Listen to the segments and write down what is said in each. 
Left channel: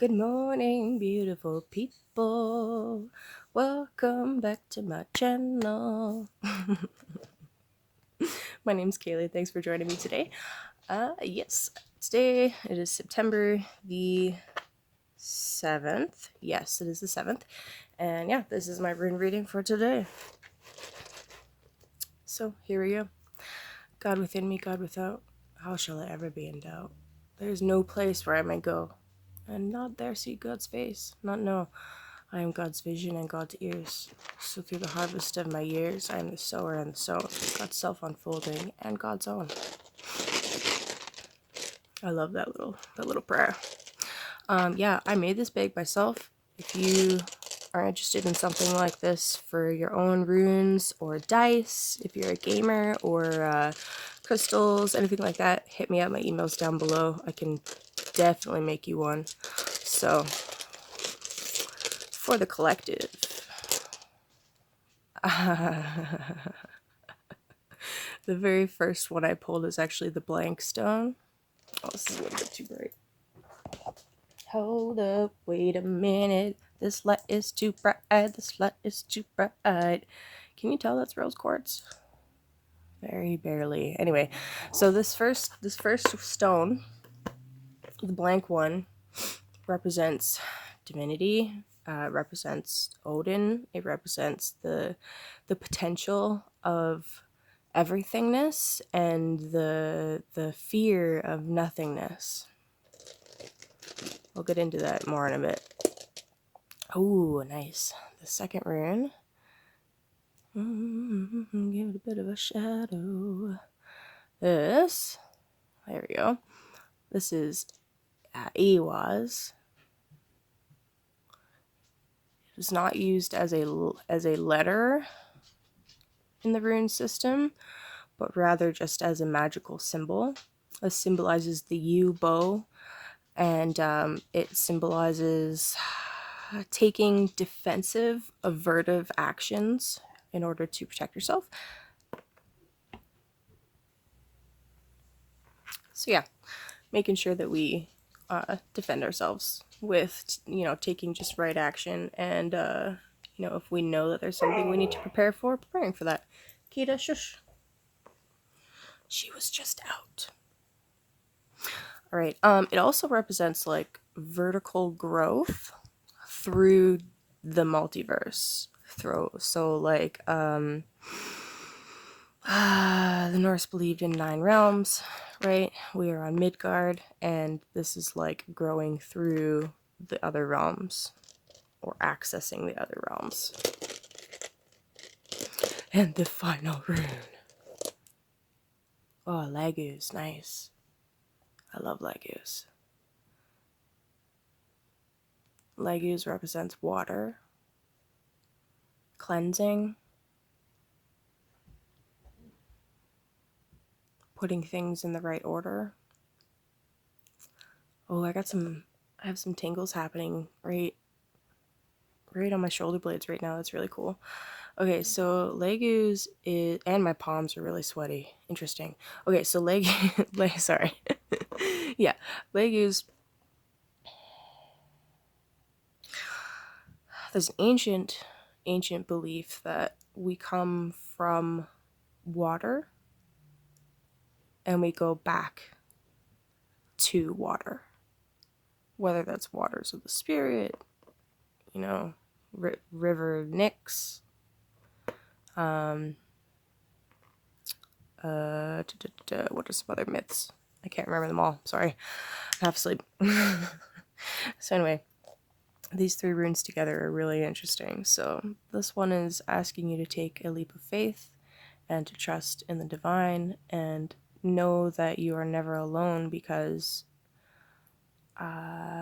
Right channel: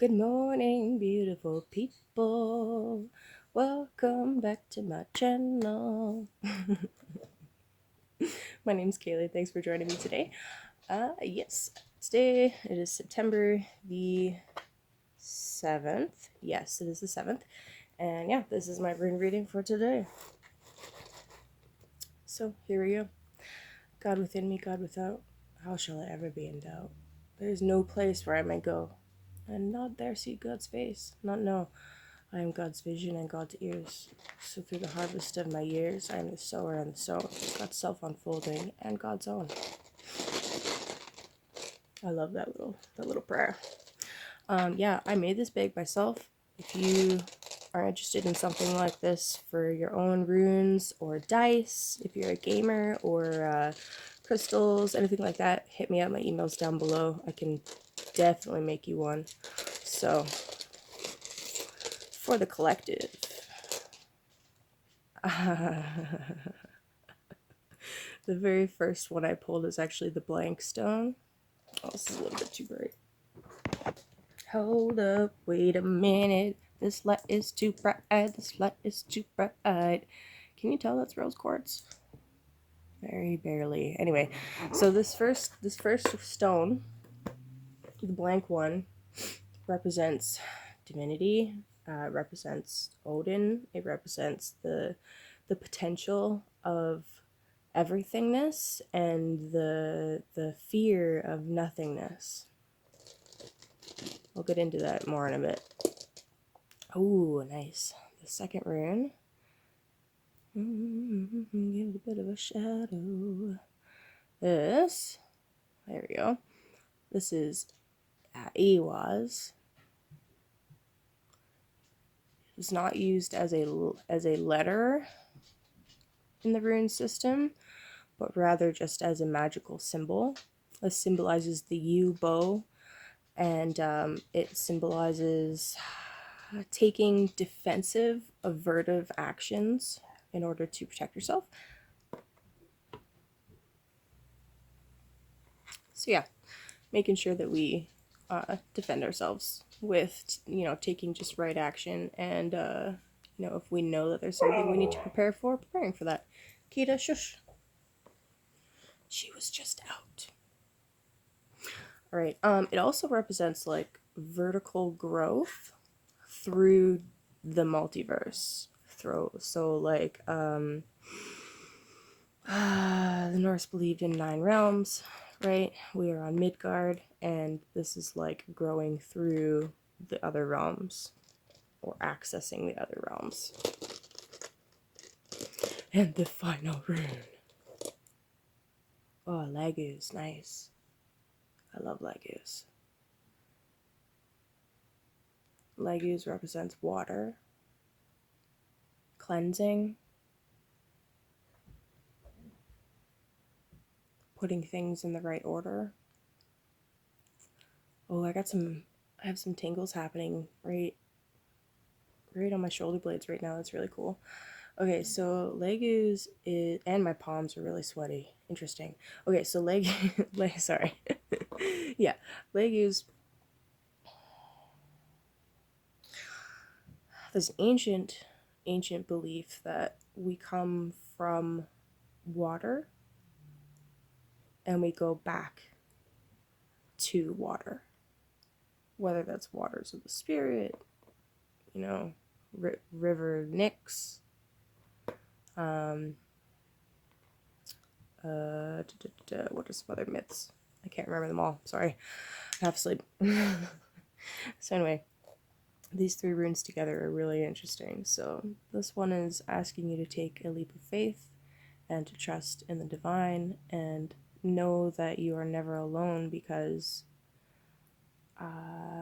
Good morning, beautiful people. Welcome back to my channel. My name's Kayleigh. Thanks for joining me today. Yes, today it is September the 7th. Yes, it is the 7th. And yeah, this is my rune reading for today. So here we go. God within me, God without, how shall I ever be in doubt? There is no place where I may go, and not there see God's face. Not know, I am God's vision and God's ears. So through the harvest of my years, I am the sower and the sown, God's self-unfolding and God's own. I love that little prayer. Yeah, I made this bag myself. If you are interested in something like this for your own runes or dice, if you're a gamer or crystals, anything like that, hit me up. My email's down below. I can definitely make you one. So, for the collective. The very first one I pulled is actually the blank stone. Oh, this is a little bit too bright. Hold up, wait a minute. This light is too bright. This light is too bright. Can you tell that's rose quartz? Very barely. Anyway, so this first stone, the blank one, represents divinity. Represents Odin. It represents the potential of everythingness and the fear of nothingness. I'll get into that more in a bit. Oh, nice. The second rune. Give it a bit of a shadow. This. There we go. This is Ewaz. It is not used as a letter in the rune system, but rather just as a magical symbol. It symbolizes the yew bow, and it symbolizes taking defensive, avertive actions in order to protect yourself. So yeah, making sure that we defend ourselves with, taking just right action, and if we know that there's something we need to prepare for, preparing for that. Kita, shush. She was just out. All right. It also represents like vertical growth through the multiverse. So like the Norse believed in 9 realms, right? We are on Midgard, and this is like growing through the other realms or accessing the other realms. And the final rune. Oh, Lagus, nice. I love Lagus. Lagus represents water, cleansing, putting things in the right order. Oh, I have some tingles happening right on my shoulder blades right now. That's really cool. Okay, so Lagus is, and my palms are really sweaty. Interesting. Okay, so sorry. Yeah, Lagus. There's an ancient belief that we come from water and we go back to water. Whether that's waters of the spirit, River Nyx, what are some other myths? I can't remember them all. Sorry, I have sleep. So anyway, these 3 runes together are really interesting. So this one is asking you to take a leap of faith and to trust in the divine and know that you are never alone, because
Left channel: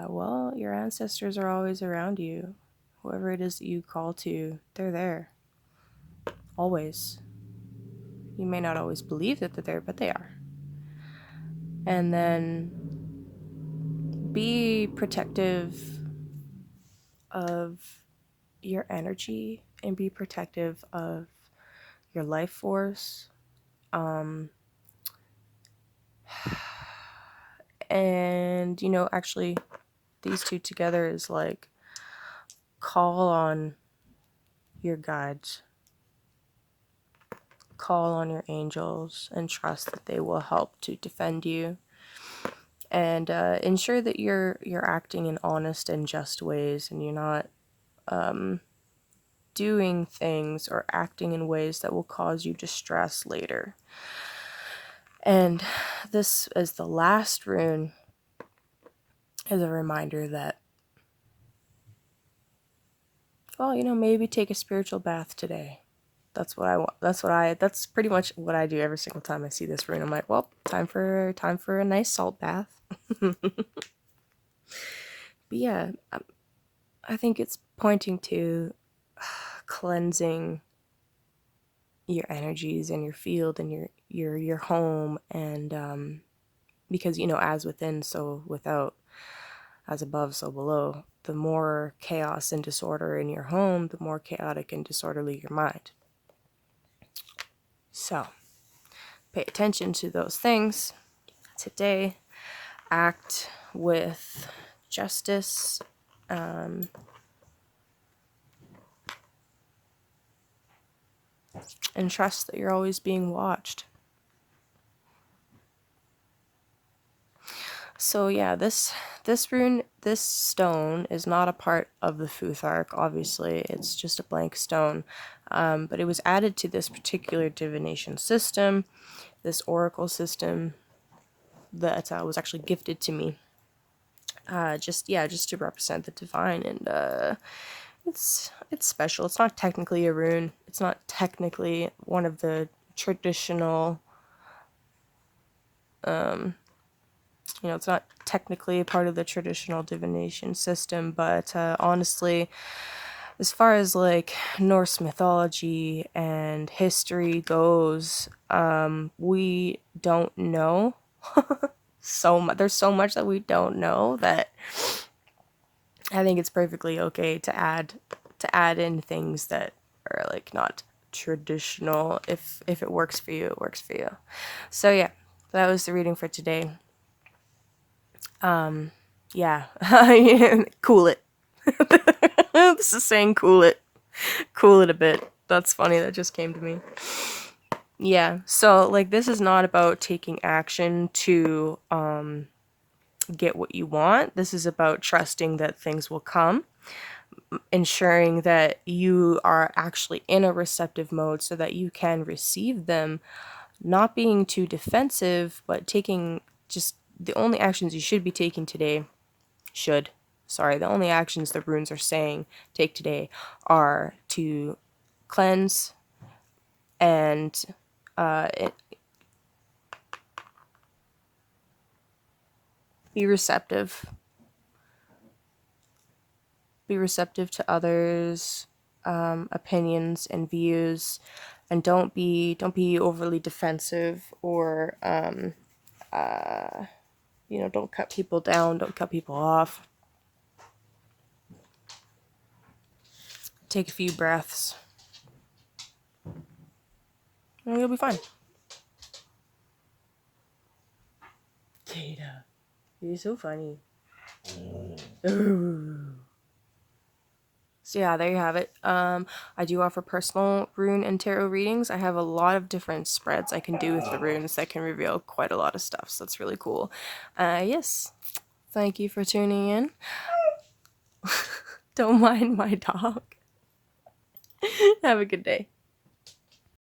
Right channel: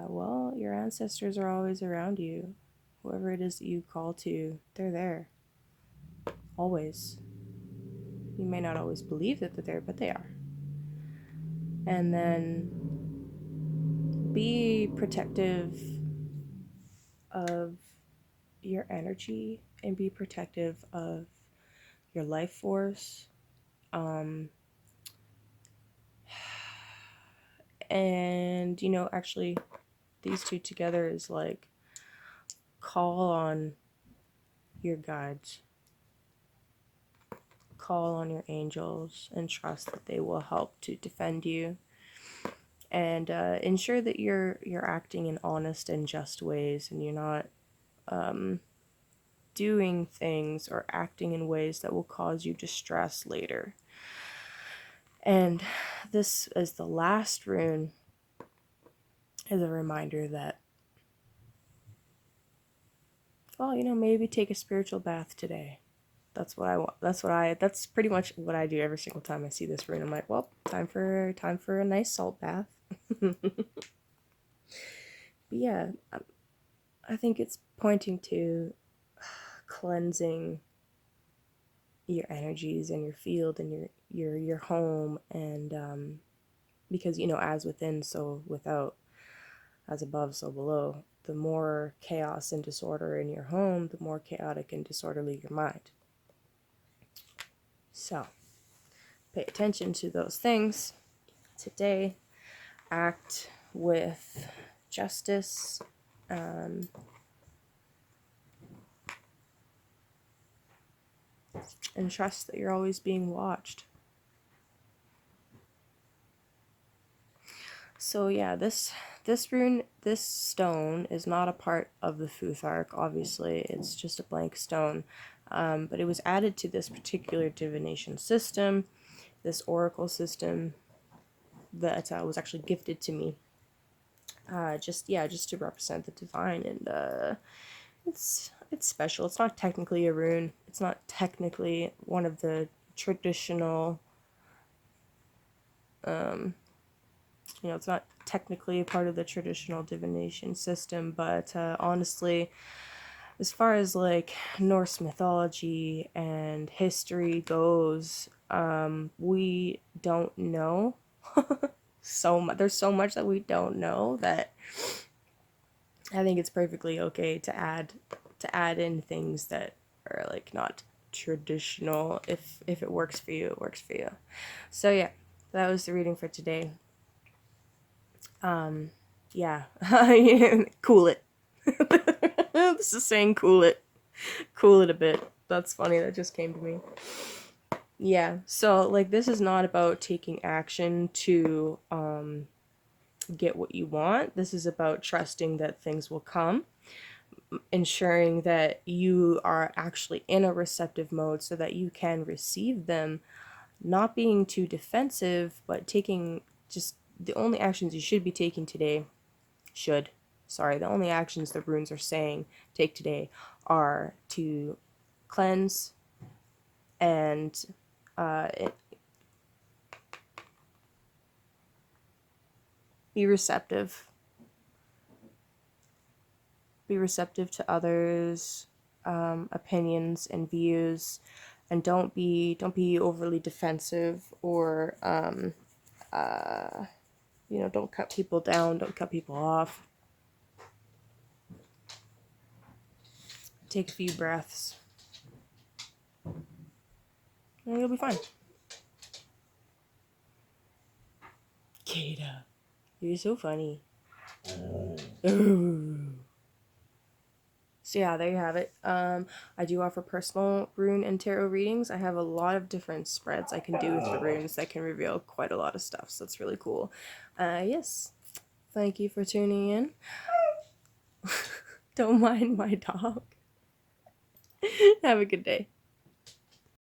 well, your ancestors are always around you. Whoever it is that you call to, they're there. Always. You may not always believe that they're there, but they are. And then be protective of your energy and be protective of your life force. And, actually these two together is like call on your guides, call on your angels, and trust that they will help to defend you, and ensure that you're acting in honest and just ways, and you're not doing things or acting in ways that will cause you distress later. And this is the last rune, is a reminder that, well, you know, maybe take a spiritual bath today. That's what I want. That's pretty much what I do every single time I see this rune. I'm like, well, time for a nice salt bath. But yeah, I think it's pointing to cleansing your energies and your field and your home, and because, you know, as within, so without, as above, so below. The more chaos and disorder in your home, the more chaotic and disorderly your mind. So pay attention to those things today. Act with justice, and trust that you're always being watched. So yeah, this rune, this stone is not a part of the Futhark, obviously. It's just a blank stone. But it was added to this particular divination system, this oracle system that was actually gifted to me. Just to represent the divine, and it's special. It's not technically a rune. It's not technically one of the traditional, you know, it's not technically a part of the traditional divination system, but honestly, as far as like Norse mythology and history goes, we don't know so much. There's so much that we don't know that I think it's perfectly okay to add in things that are like not traditional. If it works for you, it works for you. So yeah, that was the reading for today. Yeah. Cool it. This is saying cool it. Cool it a bit. That's funny, that just came to me. Yeah, so like this is not about taking action to get what you want. This is about trusting that things will come, ensuring that you are actually in a receptive mode so that you can receive them, not being too defensive, but taking just the only actions you should be taking today. The only actions the runes are saying take today are to cleanse and be receptive. Be receptive to others' opinions and views, and don't be overly defensive, or you know, don't cut people down, don't cut people off. Take a few breaths, and you'll be fine. Kayleigh, you're so funny. So yeah, there you have it. I do offer personal rune and tarot readings. I have a lot of different spreads I can do with the runes that can reveal quite a lot of stuff, so that's really cool. Yes, thank you for tuning in. Don't mind my dog. Have a good day.